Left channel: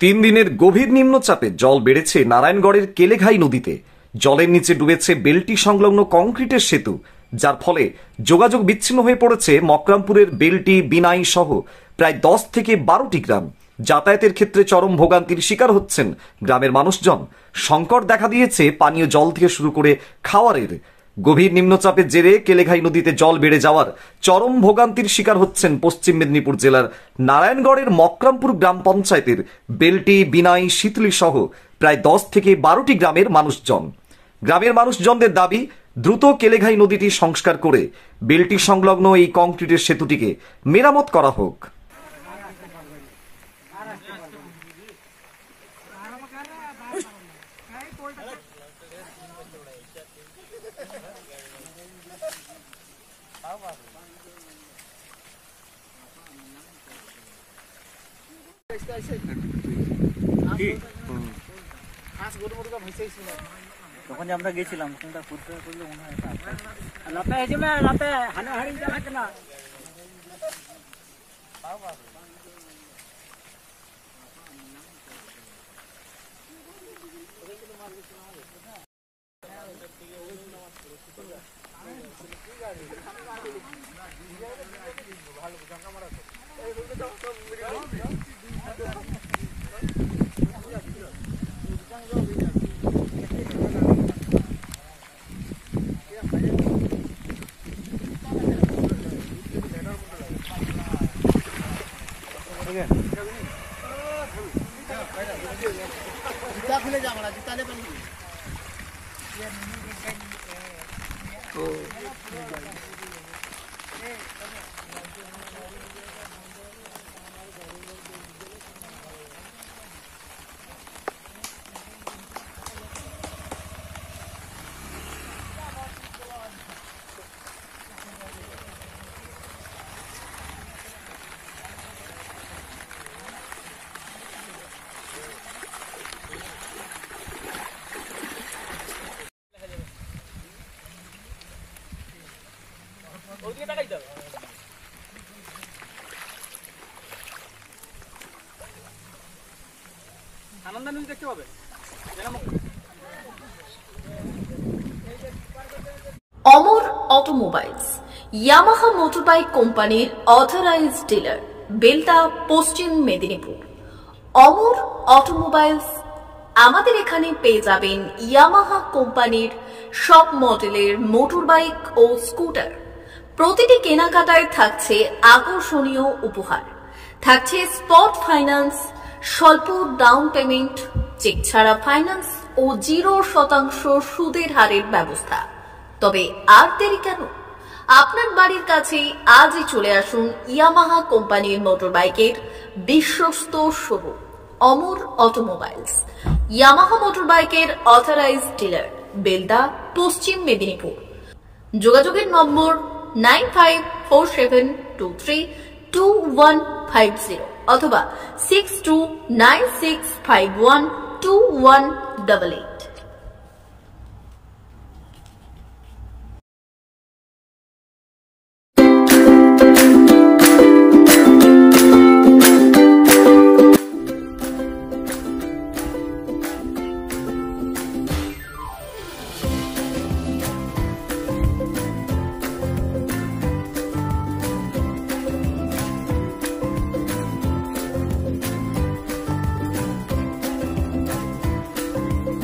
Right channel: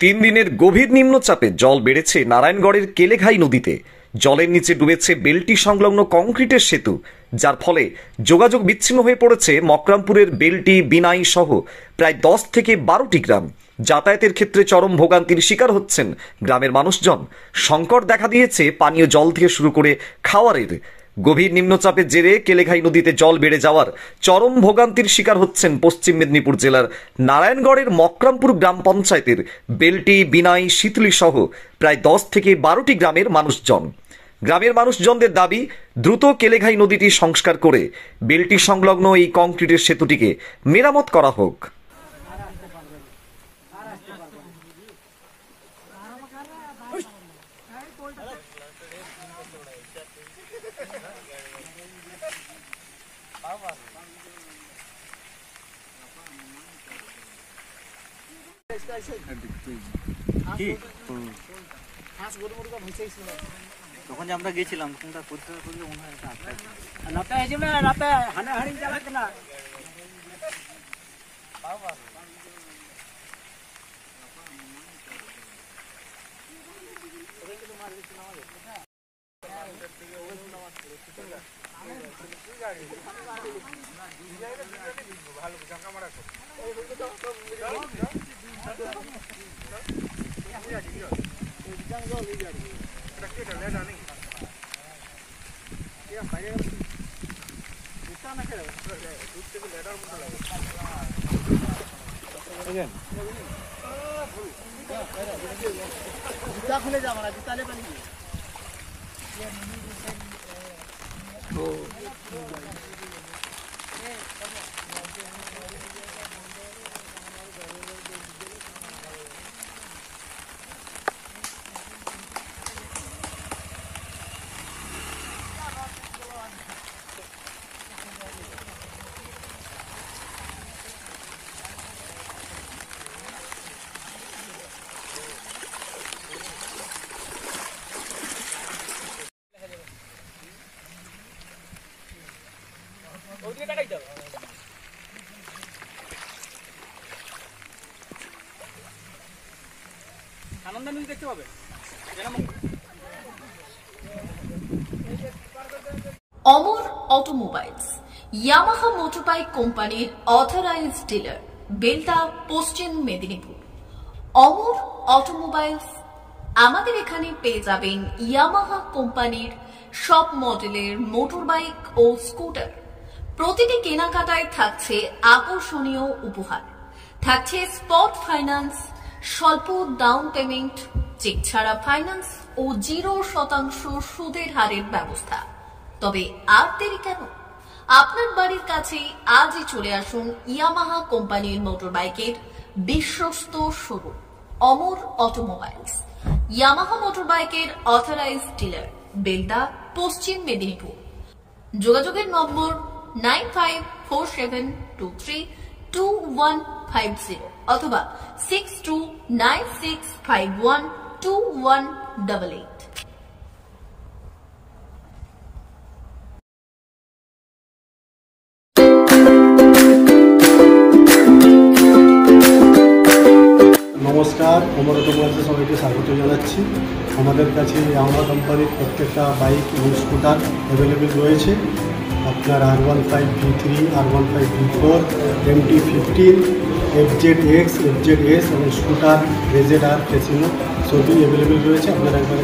তিন দিনের গভীর নিম্নচাপে জল বেড়েছে নারায়ণগড়ের কেলেঘাই নদীতে। জলের নিচে ডুবেছে বেলটি সংলগ্ন কংক্রিটের সেতু, যার ফলে যোগাযোগ বিচ্ছিন্ন হয়ে পড়েছে মকরামপুরের বেলটি, বিনাই সহ প্রায় 10 থেকে 12টি গ্রাম। যাতায়াতের ক্ষেত্রে চরম ভোগান্তির শিকার হচ্ছেন গ্রামের মানুষজন। সংকট দেখা দিয়েছে পানীয় জল থেকে শুরু করে খাওয়ারের। গভীর নিম্নচাপের জেরে কেলেঘাই নদীতে জল বেড়ে যাওয়ার চরম ভোগান্তির শিকার হচ্ছেন পশ্চিম মেদিনীপুর জেলার নারায়ণগড়ের মকরামপুর গ্রাম পঞ্চায়েতের বেলটি, বিনাই, শীতলি সহ প্রায় 10 থেকে 12টি গ্রামের মানুষজন। গ্রামের মানুষজনদের দাবি, দ্রুত কেলেঘাই নদীটি সংস্কার করে বেলটি সংলগ্ন এই কংক্রিটের সেতুটিকে মেরামত করা হোক। তখন যে আমরা গেছিলাম কোনটা করতে মনে হয় রাতে এসে রাতে হানাহানি চালাচ্ছে না। जूता खुले जा हमारा जूता ले पहले तो অমর অটোমোবাইলস, ইয়ামাহা মোটরবাইক কোম্পানির অথরাইজড ডিলার, বেলটা, পশ্চিম মেদিনীপুর। অমর অটোমোবাইলস, আমাদের এখানে পেয়ে যাবেন ইয়ামাহা কোম্পানির সব মডেলের মোটরবাইক ও স্কুটার। প্রতিটি কেনাকাটায় থাকছে আকর্ষণীয় উপহার, থাকছে স্পট ফাইন্যান্স, স্বল্প ডাউন পেমেন্ট, চেক ছাড়া ফাইন্যান্স ও 0% সুদের হারের ব্যবস্থা। তবে আর দেরি কেন? আপনার বাড়ির কাছেই আজই চলে আসুন ইয়ামাহা কোম্পানির মোটরবাইকের বিশ্বস্ত শোরুম অমর অটোমোবাইলস, ইয়ামাহা মোটরবাইকের অথরাইজড ডিলার, বেলদা, পশ্চিম মেদিনীপুর। যোগাযোগের নম্বর 9547232150 অথবা 6296512188। নমস্কার, অমর অটোমোবাইলসে সবাইকে স্বাগত জানাচ্ছি। আমাদের কাছে ইয়ামাহা কোম্পানির প্রত্যেকটা বাইক এবং স্কুটার অ্যাভেলেবেল রয়েছে। আপনার R15V3, R15V4, MT15, FZX, FZS এবং স্কুটার, RZR, ফেসিনো সবই অ্যাভেলেবেল রয়েছে। আপনারা একবার